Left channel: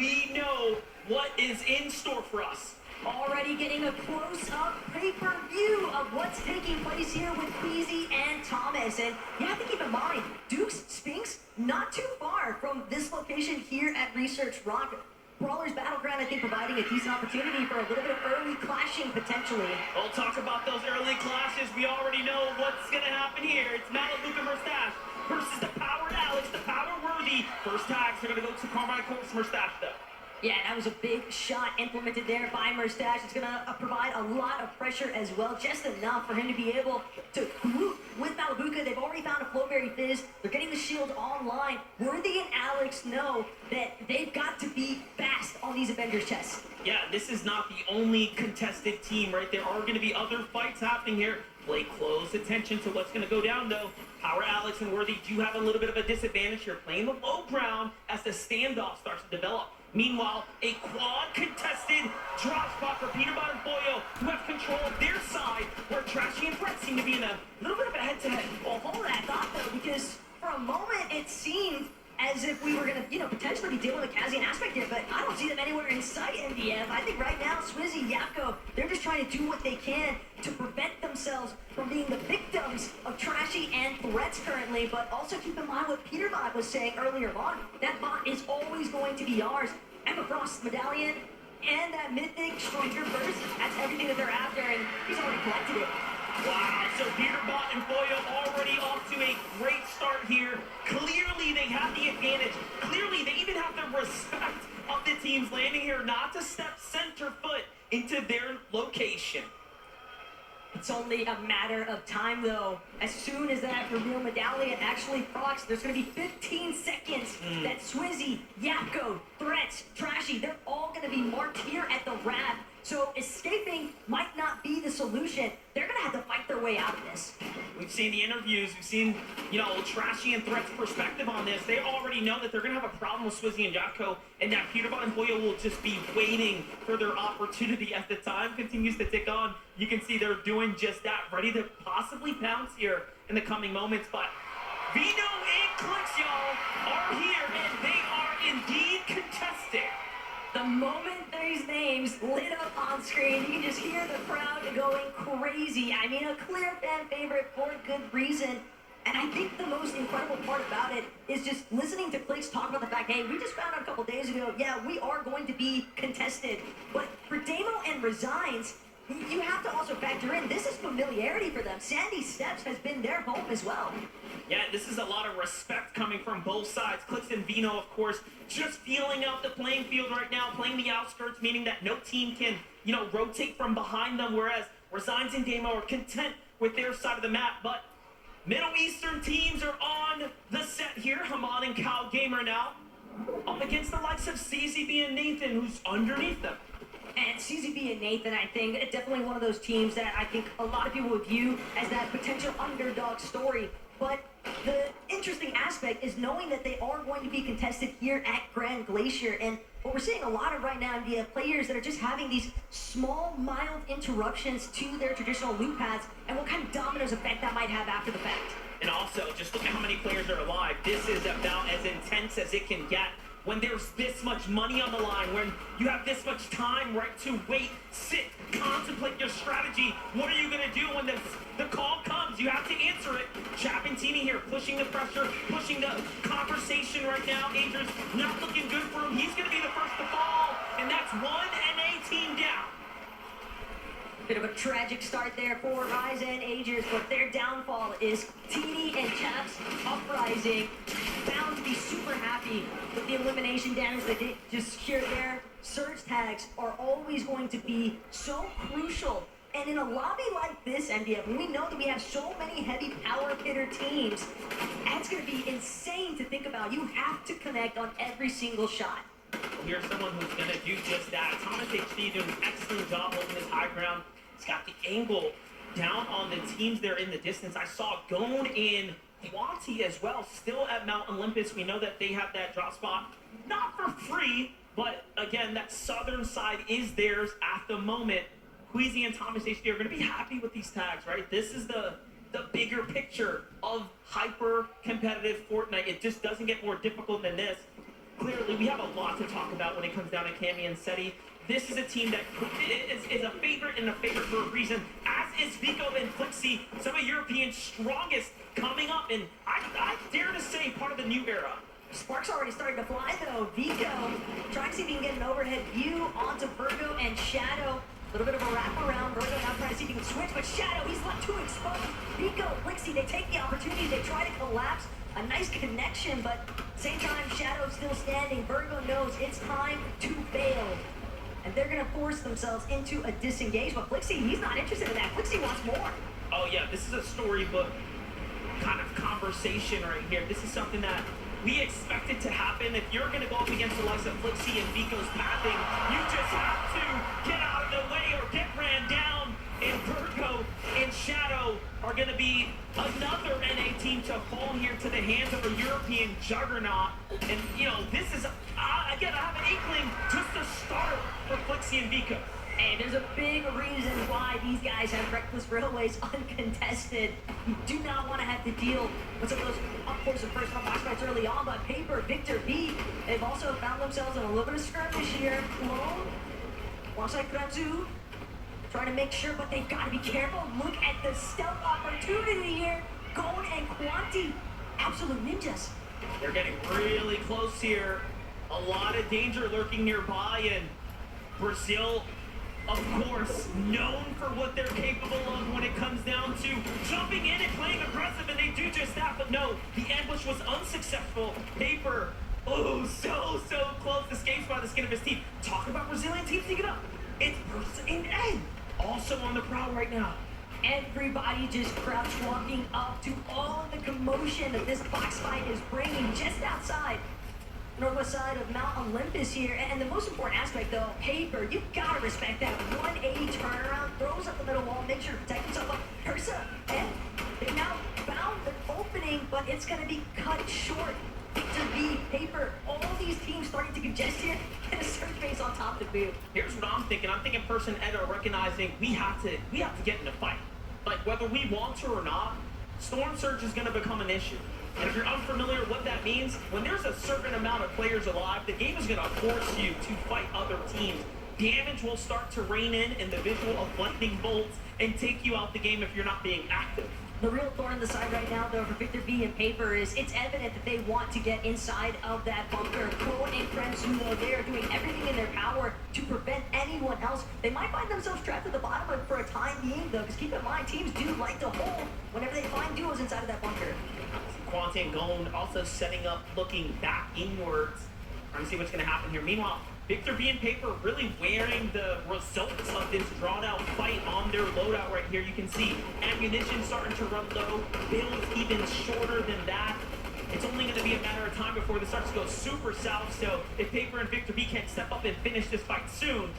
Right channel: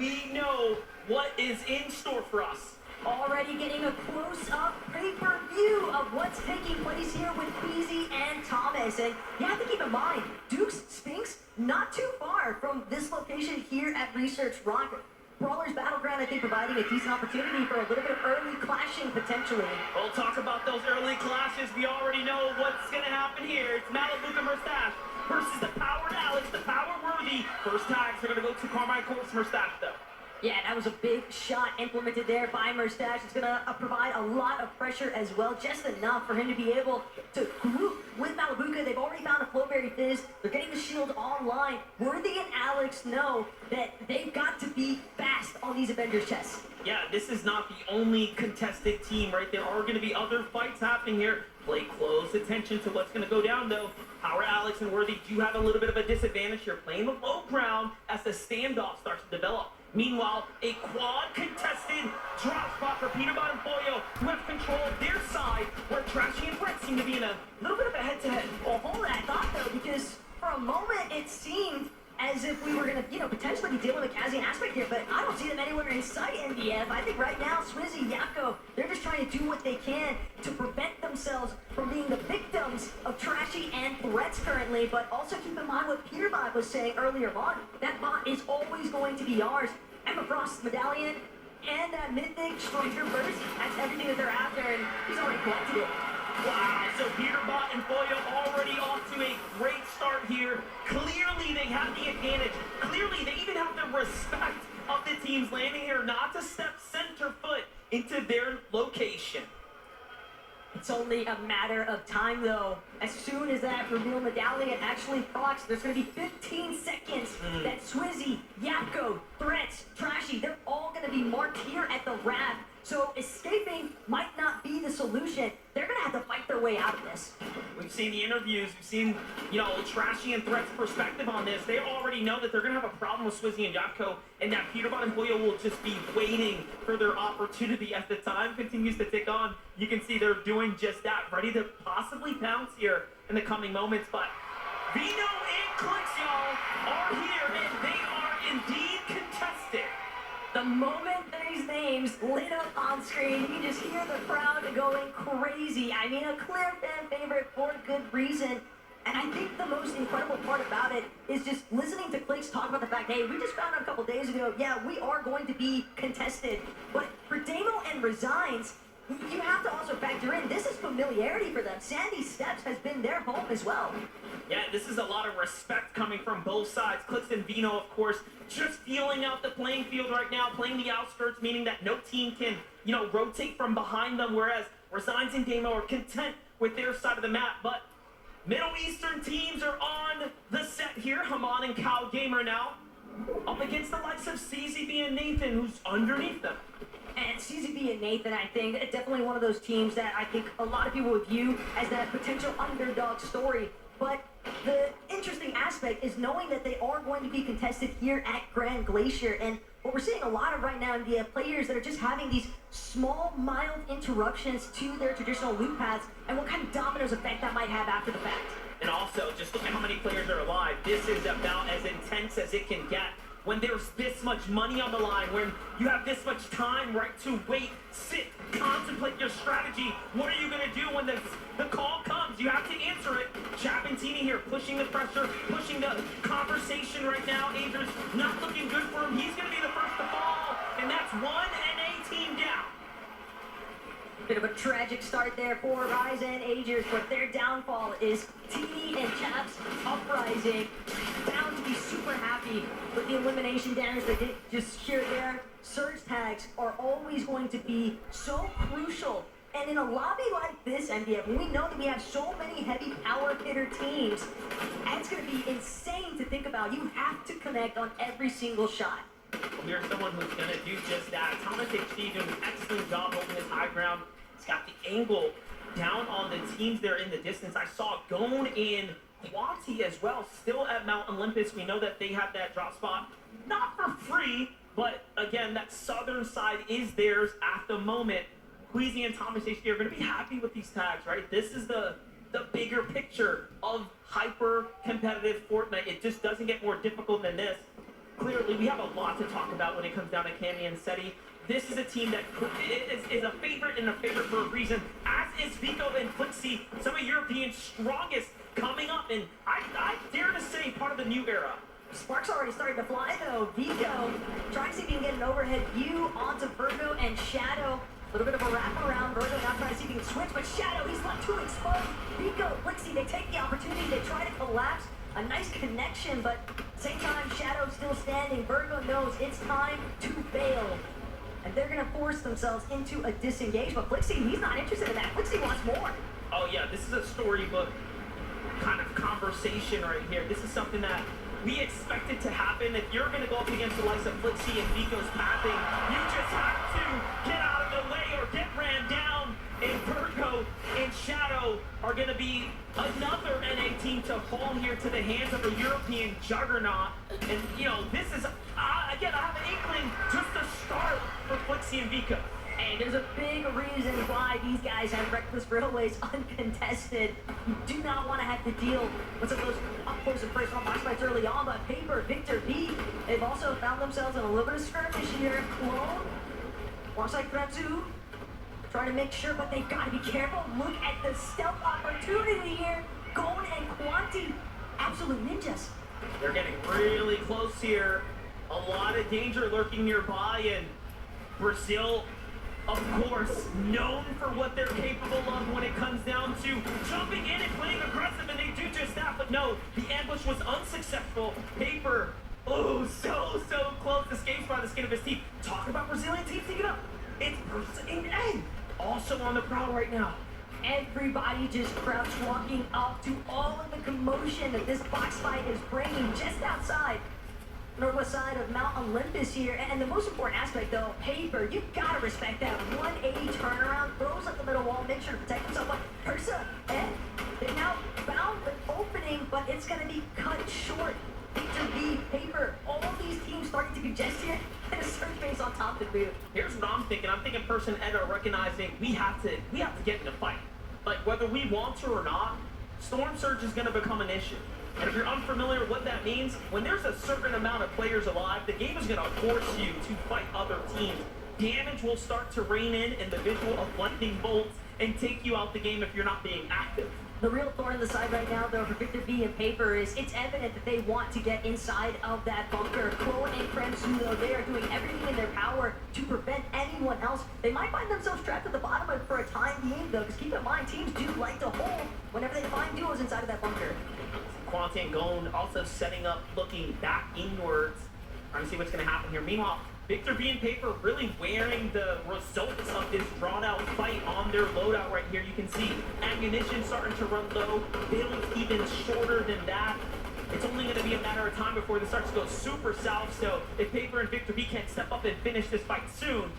we know what is in store for us. Already getting a close-up pay-per-view of what's taking place here with Queasy and Thomas. And you have to keep in mind, Duke's Sphinx not too far from this location here at Research Rock. Brawler's Battleground, I think, providing a decent opportunity for a little bit of early clashing, potentially. We'll talk about those early clashes. We already know what's going to happen here. It's Malabuka Murstache versus the Powered Alex, the Power Worthy. First tags are going to go to Carmichael Murstache, though. Yeah, that was a big shot implemented there by Murstache. It's going to provide a lot of pressure as well, just enough for him to be able to group with Malabuka. They've already found a Flowberry Fizz. They're getting the shield online. Worthy and Alex know that they've got to be fast on these Avengers chests. Yeah, this is not the only contested team, right? There are going to be other fights happening here. Play close attention to what's going to go down, though. Power Alex and Worthy do have a little bit of a disadvantage here, playing the low ground as the standoff starts to develop. Meanwhile, a quad contested drop spot for Peterbot and Boyo, who have control of their side, where Trashy and Brett seem to be in a little bit of a head-to-head. Well, hold that thought, though, because for a moment it seemed as if we were going to, potentially be dealing with Kazian aspect here, but I don't see them anywhere in sight, MDF. I think right now, Swizzy, Yapko, they're just trying to do what they can to prevent themselves from being the victims of Trashy and Threats currently, but also keep in mind what Peterbot was saying earlier on. That bot is always going to be ours. Emma Frost's medallion and that mythic Striker burst, that's everything that they're after, and he's already collected it. Wow, so Peterbot and Boyo already off to a great start here. Clearly they have the advantage. Clearly they even have the respect of the teams landing here not to step center foot into their location. It's only a matter of time, though. As soon as that reveal medallion actually procs, there's going to be 15 seconds that Swizzy, Yapko, Threats, Trashy, they're all going to be marked here at the Wrath. So escaping might not be the solution. They're going to have to fight their way out of this. We've seen the interviews. We've seen, Trashy and Threat's perspective on this. They already know that they're going to have a problem with Swizzy and Yapko, and that Peterbot and Boyo will just be waiting for their opportunity as the time continues to tick on. You can see they're doing just that, ready to possibly pounce here in the coming moments. But Vino and Clix, y'all, are here, and they are indeed contested. The moment these names lit up on screen, you can just hear the crowd going crazy. I mean, a clear fan favorite for good reason. And I think the most incredible part about it is just listening to Clix talk about the fact, hey, we just found out a couple days ago, yeah, we are going to be contested. But for Damo and Resigns, you have to also factor in, this is familiarity for them. Sandy Steps has been their home as well. Yeah, this is a lot of respect coming from both sides. Clix and Vino, of course, just feeling out the playing field right now, playing the outskirts, meaning that no team can, rotate from behind them, whereas Resigns and Damo are content with their side of the map. But Middle Eastern teams are on the set here. Haman and Cal Gamer now up against the likes of CZB and Nathan, who's underneath them. And CZB and Nathan, I think, definitely one of those teams that I think a lot of people would view as that potential underdog story. But the interesting aspect is knowing that they are going to be contested here at Grand Glacier. And what we're seeing a lot of right now in the players that are just having these small, mild interruptions to their traditional loop paths, and what kind of dominoes effect that might have after the fact. And also, just look at how many players are alive. This is about as intense as it can get. When there's this much money on the line, when you have this much time, right, to wait, sit, contemplate your strategy. What are you going to do when the call comes? You have to answer it. Chapentini here pushing the pressure, pushing the conversation right now. Adrian's not looking good for him. He's going to be the first to fall, and that's one NA team down. Bit of a tragic start there for Rise and Agers, but their downfall is Teeny and Chaps Uprising. Bound to be super happy with the elimination damage they did just here there. Surge tags are always going to be so crucial. And in a lobby like this, MDF, when we know that we have so many heavy power hitter teams, that's going to be insane to think about. You have to connect on every single shot. Well, here's someone who's going to do just that. Thomas HD doing an excellent job holding his high ground. He's got the angle down on the teams there in the distance. I saw Gone and Quati as well, still at Mount Olympus. We know that they have that drop spot, not for free, but again, that southern side is theirs at the moment. Queasy and Thomas HD are going to be happy with these tags, right? This is the bigger picture of hyper-competitive Fortnite. It just doesn't get more difficult than this. clearly we have a lot to talk about when it comes down to Cammy and Seti. This is a team that is a favorite and a favorite for a reason, as is Vico and Flixie, some of Europeans' strongest coming up, and I dare to say part of the new era. Sparks already started to fly though. Vico trying to see if he can get an overhead view onto Virgo and Shadow. A little bit of a wraparound. Virgo now trying to see if he can switch, but Shadow, he's left too exposed. Vico, Flixie, they take the opportunity. They try to collapse. A nice connection, but same time, Shadow's still standing. Virgo knows it's time to bail. And they're going to force themselves into a disengage. But Flixie, he's not interested in that. Flixie wants more. Oh yeah, this is a storybook kind of conversation right here. This is something that we expected to happen. If you're going to go up against the likes of Flixie and Vico's pathing, you just have to get out of the way or get ran down. And Virgo and Shadow are going to be another NA team to fall here to the hands of a European juggernaut. And, you know, this is, again, I have an inkling just to start for Flixie and Vico. And there's a big reason why these guys have Reckless Railways uncontested. You do not want to have to deal with some of those up close and personal box fights early on, but Paper, Victor B, they've also found themselves in a little bit of skirmish here. Clone, alongside Franzu, trying to make sure, but they've got to be careful. Look at the stealth opportunity here. Gon and Quanti, absolute ninjas. They're getting really close here. A lot of danger lurking nearby, and Brazil, of course, known for what they're capable of when it comes down to jumping in and playing aggressive, and they do just that. But no, the ambush was unsuccessful. Paper, oh, so close, escapes by the skin of his teeth. Talk about Brazilian teams sneaking up. It's Bruce and Ed, also on the prowl right now. Everybody just crouch walking up to all of the commotion that this box fight is bringing just outside northwest side of Mount Olympus here. And the most important aspect though, Paper, you gotta respect that 180 turnaround, throws up the middle wall, make sure to protect himself. But Ursa, and they've now found an opening, but it's gonna be cut short. Victor B, Paper, all these teams starting to congest here, and a search base on top of the boot. Here's what I'm thinking. I'm thinking Person Ed are recognizing we have to get in the fight. Like whether we want to or not, Storm Surge is gonna become an issue. And if you're unfamiliar with what that means, when there's a certain amount of players alive, the game is going to force you to fight other teams. Damage will start to rain in the visual of lightning bolts and take you out the game if you're not being active. The real thorn in the side right now, though, for Victor B and Paper is it's evident that they want to get inside of that bunker. Clone and Franzuo, they are doing everything in their power to prevent anyone else. They might find themselves trapped at the bottom of it for a time being, though, because keep in mind, teams do like to hold whenever they find duos inside of that bunker. Quanti and Gon also setting up, looking back inwards, trying to see what's going to happen here. Meanwhile, Victor B and Paper really wearing the results of this drawn-out fight on their loadout right here. You can see ammunition starting to run low, builds even shorter than that. It's only going to be a matter of time before this starts to go super south, so if Paper and Victor B can't step up and finish this fight soon,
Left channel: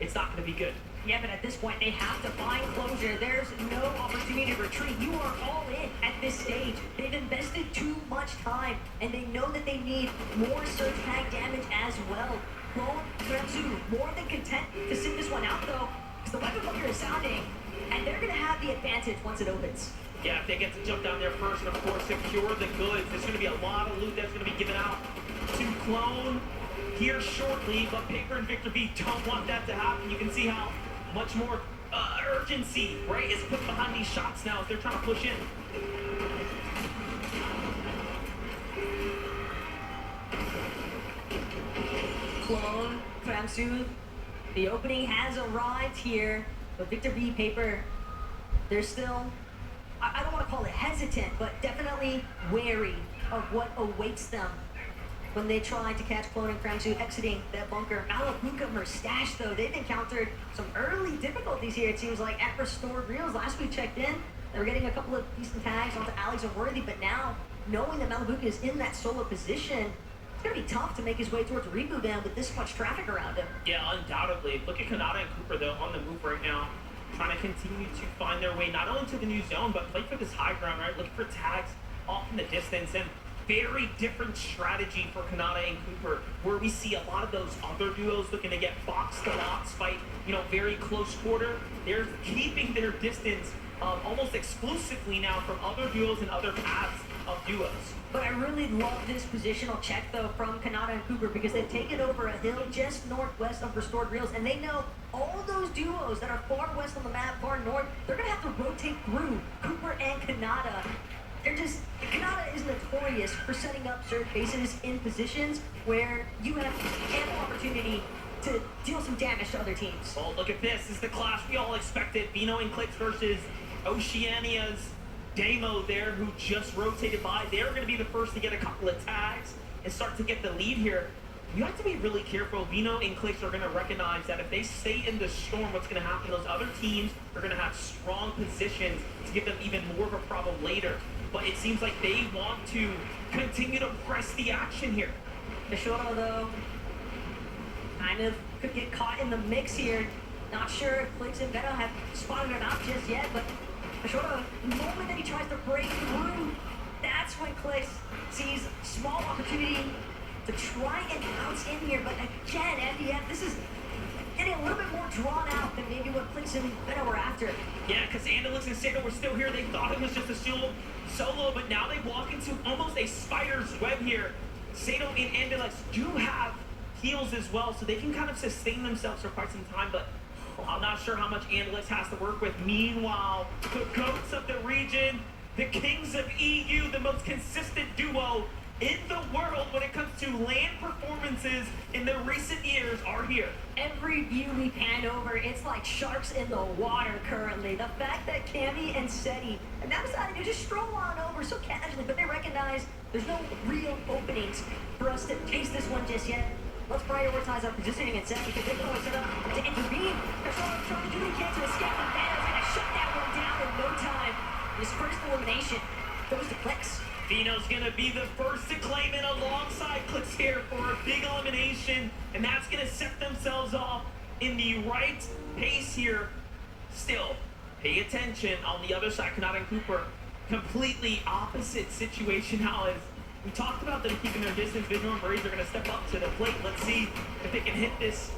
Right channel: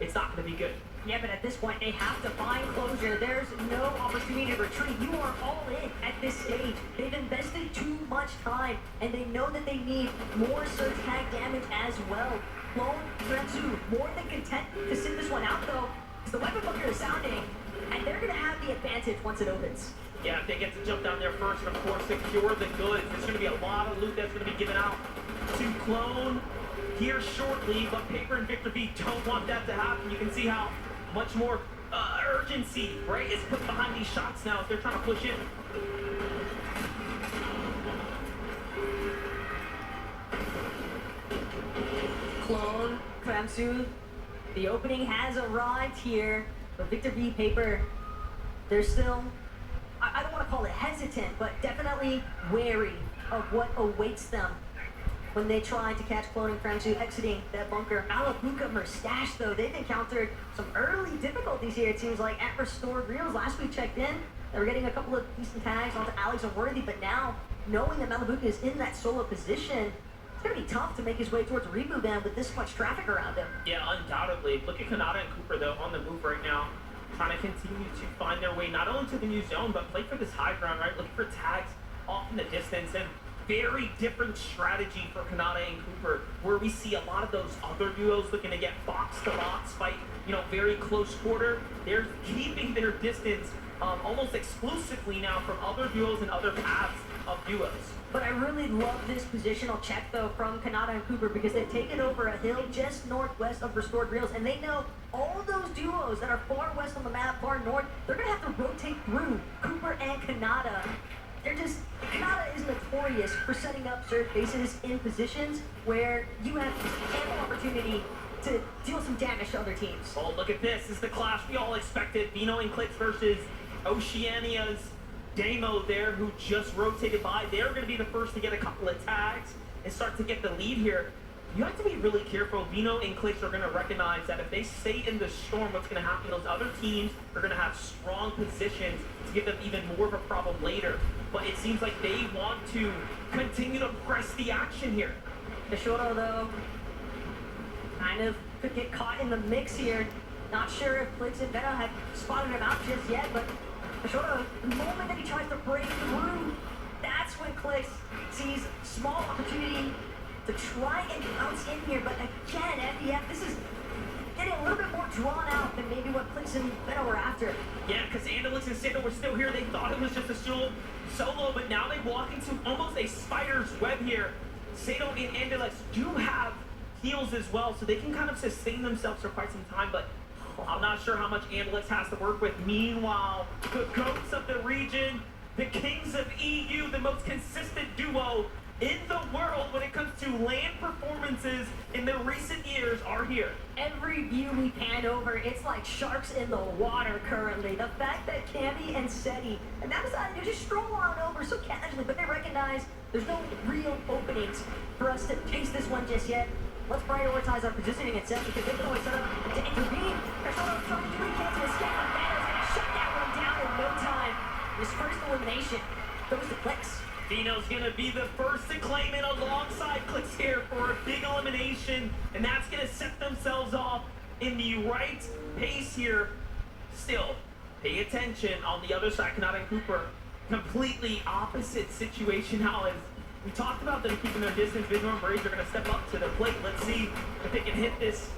it's not going to be good. Yeah, but at this point, they have to find closure. There's no opportunity to retreat. You are all in at this stage. They've invested too much time, and they know that they need more surge tag damage as well. Clone, Franzu, more than content to sit this one out, though, because the weapon bunker is sounding, and they're going to have the advantage once it opens. Yeah, if they get to jump down there first, and of course, secure the goods. There's going to be a lot of loot that's going to be given out to Clone here shortly, but Paper and Victor B don't want that to happen. You can see how much more urgency, right, is put behind these shots now as they're trying to push in. Clone, Franzu, the opening has arrived here, but Victor B, Paper, they're still, I don't want to call it hesitant, but definitely wary of what awaits them when they try to catch Clone and Franzu exiting that bunker. Malabuka Mustache, though, they've encountered some early difficulties here, it seems like, at Restored Reels. Last we checked in, they were getting a couple of decent tags onto Alex and Worthy, but now, knowing that Malabuka is in that solo position, it's going to be tough to make his way towards Reboot Band with this much traffic around him. Yeah, undoubtedly. Look at Kanata and Cooper, though, on the move right now, trying to continue to find their way not only to the new zone, but play for this high ground, right? Looking for tags off in the distance. And very different strategy for Kanata and Cooper, where we see a lot of those other duos looking to get box to box fight, very close quarter. They're keeping their distance almost exclusively now from other duos and other paths of duos. But I really love this positional check, though, from Kanata and Cooper, because they've taken over a hill just northwest of Restored Reels, and they know all those duos that are far west on the map, far north, they're going to have to rotate through Cooper and Kanata. Kanata is notorious for setting up surge bases in positions where you have ample opportunity to deal some damage to other teams. Oh, look at this. This is the clash we all expected. Vino and Clix versus Oceania's Damo there, who just rotated by. They're going to be the first to get a couple of tags and start to get the lead here. You have to be really careful. Vino and Clix are going to recognize that if they stay in the storm, what's going to happen? Those other teams are going to have strong positions to give them even more of a problem later. But it seems like they want to continue to press the action here. Mishora, though, kind of could get caught in the mix here. Not sure if Clix and Veto have spotted him out just yet, but Mishora, the moment that he tries to break through, that's when Clix sees small opportunity to try and bounce in here. But again, FDF, this is getting a little bit more drawn out than maybe what Clix and Veto were after. Yeah, because Andalix and Sato were still here. They thought it was just a solo, but now they walk into almost a spider's web here. Sato and Andalix do have heals as well, so they can kind of sustain themselves for quite some time, but I'm not sure how much Andalix has to work with. Meanwhile, the GOATs of the region, the Kings of EU, the most consistent duo in the world when it comes to land performances in the recent years, are here. Every view we pan over, it's like sharks in the water currently. The fact that Cammy and Seti, and that decided to just stroll on over so casually, but they recognize there's no real openings for us to taste this one just yet. Let's prioritize our positioning and set, because they can always set up to intervene. They're trying to do the chance to escape, and Vano's gonna shut that one down in no time. His first elimination goes to Clix. Vino's gonna be the first to claim it alongside Clix here for a big elimination, and that's gonna set themselves off in the right pace here. Still, pay attention on the other side, Kanata and Cooper. Completely opposite situation now. As we talked about them keeping their distance, Visual and Braves are gonna step up to the plate. Let's see if they can hit this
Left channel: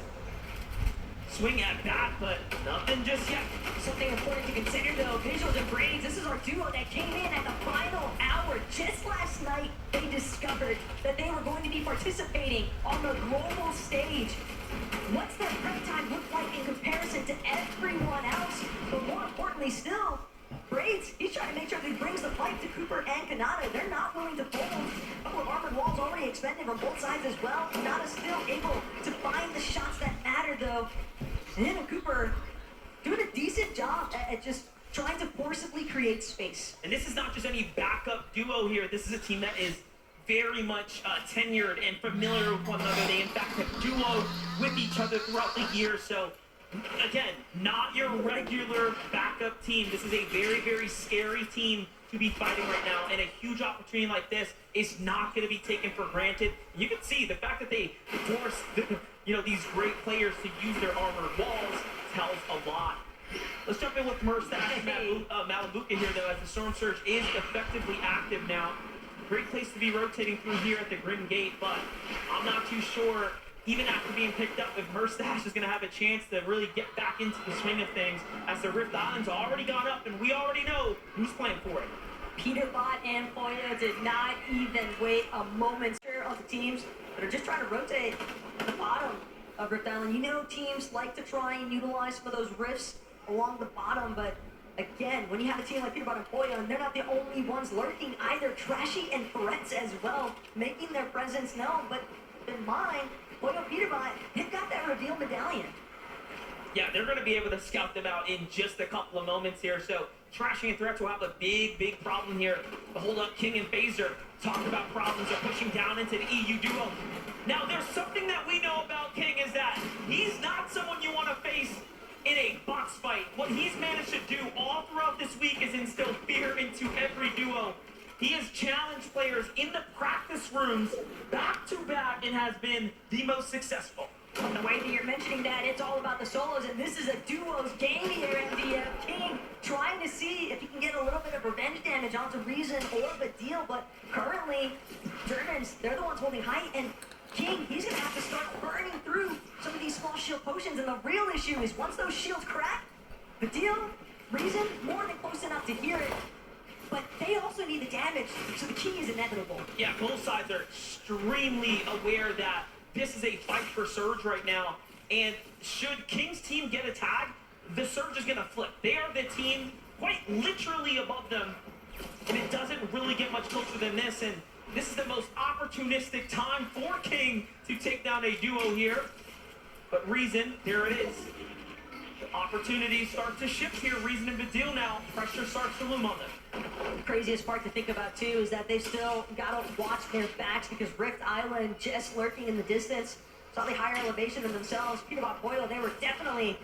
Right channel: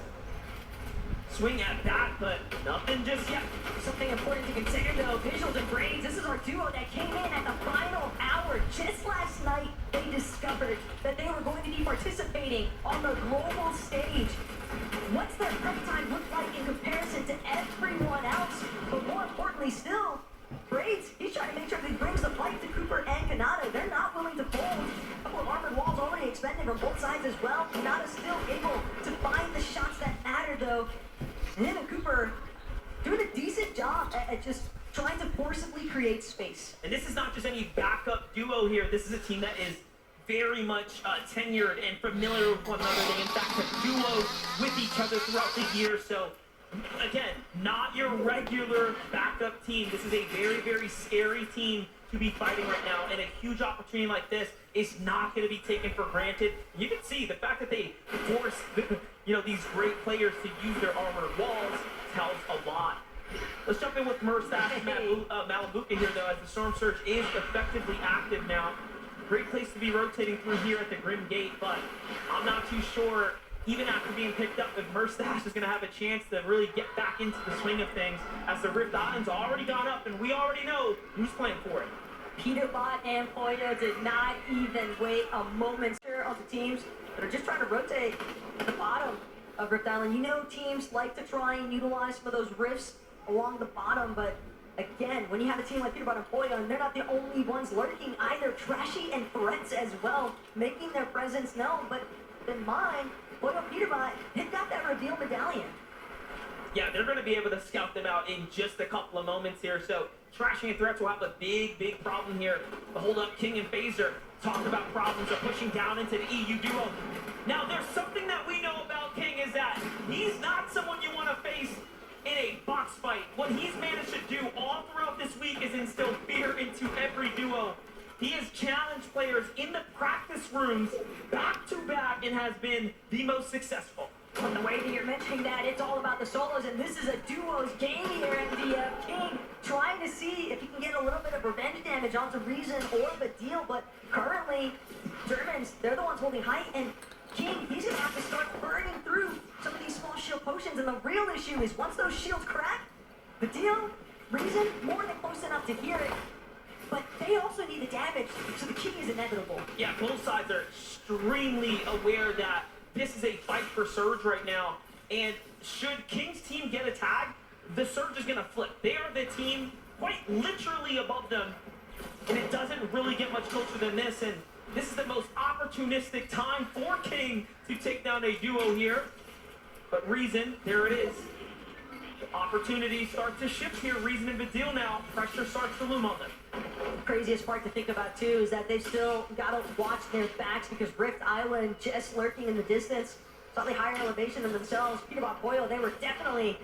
swing at bat, but nothing just yet. Something important to consider, though, Visuals and Braids, this is our duo that came in at the final hour. Just last night, they discovered that they were going to be participating on the global stage. What's their prep time look like in comparison to everyone else? But more importantly still, Braids, he's trying to make sure that he brings the fight to Cooper and Kanata. They're not willing to fold. A couple of armored walls already expended from both sides as well. Kanata's still able to find the shots that matter, though. And him and Cooper doing a decent job at just trying to forcibly create space. And this is not just any backup duo here. This is a team that is very much tenured and familiar with one another. They, in fact, have duo with each other throughout the year. So, again, not your regular backup team. This is a very, very scary team to be fighting right now. And a huge opportunity like this is not going to be taken for granted. You can see the fact that they force these great players to use their armored walls tells a lot. Let's jump in with Murstache and Malabuka here, though, as the Storm Surge is effectively active now. Great place to be rotating through here at the Grim Gate, but I'm not too sure, even after being picked up, if Murstache is going to have a chance to really get back into the swing of things, as the Rift Island's already gone up, and we already know who's playing for it. Peterbot and Poyo did not even wait a moment on the teams that are just trying to rotate at the bottom of Rift Island. You know, teams like to try and utilize some of those rifts along the bottom, but again, when you have a team like Peterbot and Poyo, and they're not the only ones lurking either, Trashy and Threats as well, making their presence known. But in mind, Poyo Peterbot, they've got that reveal medallion. Yeah, they're going to be able to scout them out in just a couple of moments here. So, Trashing and Threats will have a big, big problem here. The hold up, King and Phaser talk about problems of pushing down into the EU duo. Now, there's something that we know about King is that he's not someone you want to face in a box fight. What he's managed to do all throughout this week is instill fear into every duo. He has challenged players in the practice rooms back to back and has been the most successful. From the way that you're mentioning that, it's all about the solos, and this is a duos game here, MDF. King trying to see if he can get a little bit of revenge damage onto Reason or Badil, but currently, Germans, they're the ones holding height, and King, he's going to have to start burning through some of these small shield potions, and the real issue is once those shields crack, Badil, Reason, more than close enough to hear it, but they also need the damage, so the King is inevitable. Yeah, both sides are extremely aware that this is a fight for Surge right now, and should King's team get a tag, the Surge is going to flip. They are the team quite literally above them, and it doesn't really get much closer than this, and this is the most opportunistic time for King to take down a duo here. But Reason, there it is. The opportunities start to shift here. Reason and Badil now. Pressure starts to loom on them. The craziest part to think about too is that they've still got to watch their backs because Rift Island just lurking in the distance, slightly higher elevation than themselves. Peterbot Boyle, they were definitely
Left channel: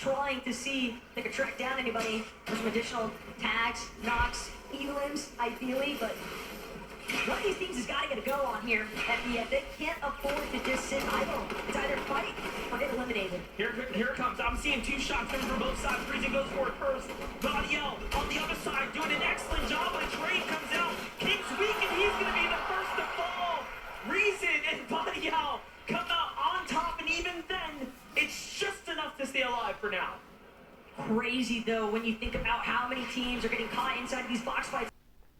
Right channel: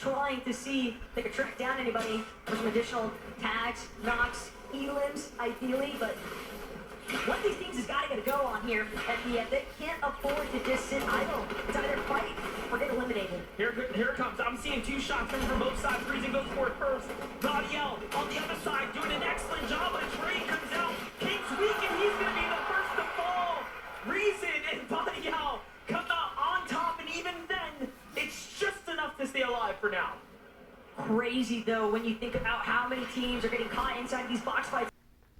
trying to see if they could track down anybody for some additional tags, knocks, elims, ideally, but one of these teams has got to get a go on here. MDF, they can't afford to just sit idle. It's either fight or get eliminated. Here it comes. I'm seeing two shots coming from both sides. Reason goes for it first. Gaudiel on the other side doing an excellent job, but a trade comes out. King's weak, and he's going to be the first to fall. Reason and Gaudiel come out on top, and even then, it's just enough to stay alive for now. Crazy, though, when you think about how many teams are getting caught inside these box fights.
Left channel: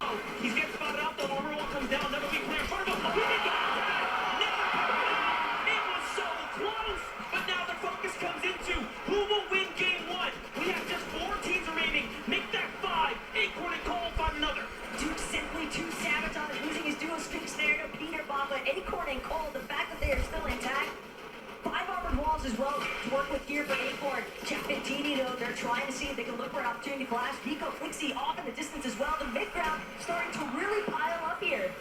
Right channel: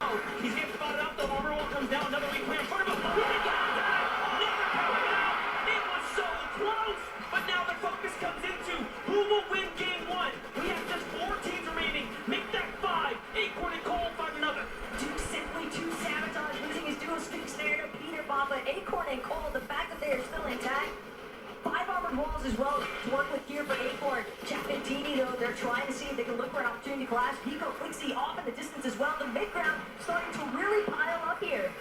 Oh, he's getting spotted out, though. Overall comes down. Another weak player in front of him. Never caught it. It was so close. But now the focus comes into who will win game one. We have just 4 teams remaining. Make that 5. Acorn and Cole find another. Duke simply too sabotage, losing his duo speaks there to Peterbot, but Acorn and Cole, the fact that they are still intact. 5 armored walls as well to work with here for Acorn. Chapentini, though, they're trying to see if they can look for an opportunity to collapse. Vico Flixie off in the distance as well. The mid-ground starting to really pile up here.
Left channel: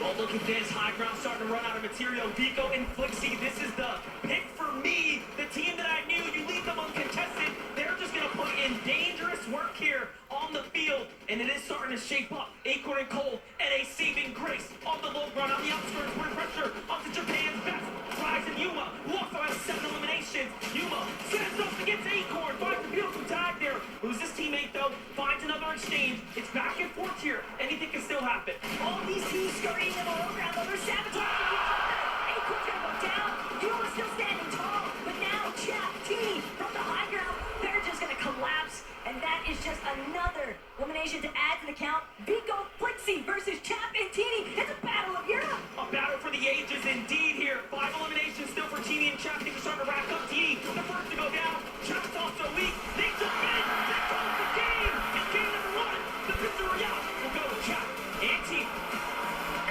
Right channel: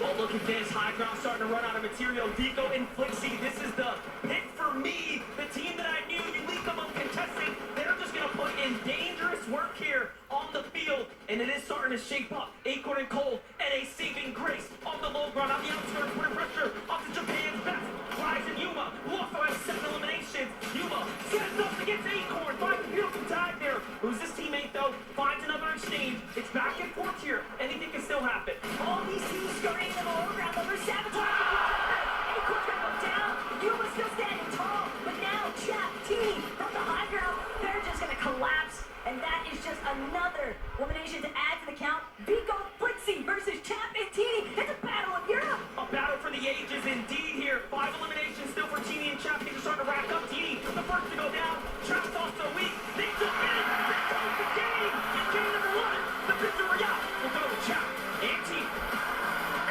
Well, look at this. High ground starting to run out of material. Vico and Flixie, this is the pick for me. The team that I knew, you leave them uncontested. They're just going to put in dangerous work here on the field, and it is starting to shape up. Acorn and Cole at a saving grace on the low ground, on the outskirts, putting pressure onto Japan's best. Rise and Yuma, who also has 7 eliminations. Yuma sends up against Acorn, finds a beautiful tag there. Who's his teammate, though? Finds another exchange. It's back and forth here. Anything can still happen. All these teams scurrying in the low ground, though, they're sabotaging each other. Acorn's gonna go down. Yuma's still standing tall, but now Chapentini from the high ground, they're just gonna collapse. And that is just another elimination to add to the count. Vico Flixie versus Chapentini. It's a battle of Europe. A battle for the ages indeed here. 5 eliminations still for Teeny and Chap. Things are starting to rack up. Teeny, the first to go down. Chap's also weak. They jump in. They close the game. It's game number 1. The victory royale will go to Chap and Teeny.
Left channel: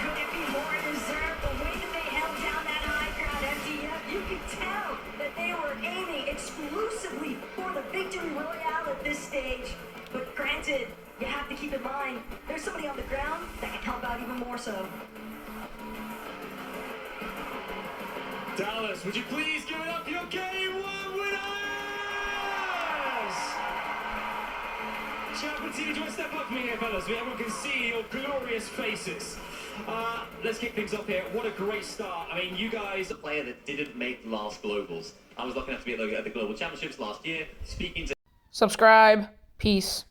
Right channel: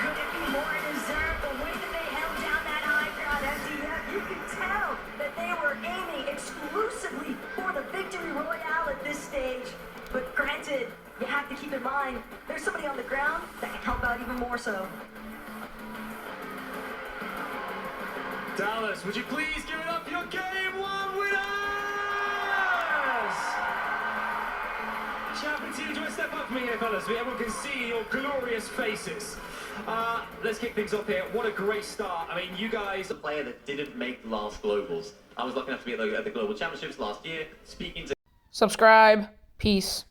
Could it be more deserved? The way that they held down that high ground, MDF, you could tell that they were aiming exclusively for the victory royale at this stage. But granted, you have to keep in mind, there's somebody on the ground that can help out even more so. Dallas, would you please give it up for your game 1 winners? Chapentini, do you want to step up for me here, fellas? So everyone can see your glorious faces. Let's kick things off here. What a great start. I mean, you guys... A player that didn't make the last Globals. I was lucky enough to be at the Global Championships last year, speaking to... Subscribe. Peace.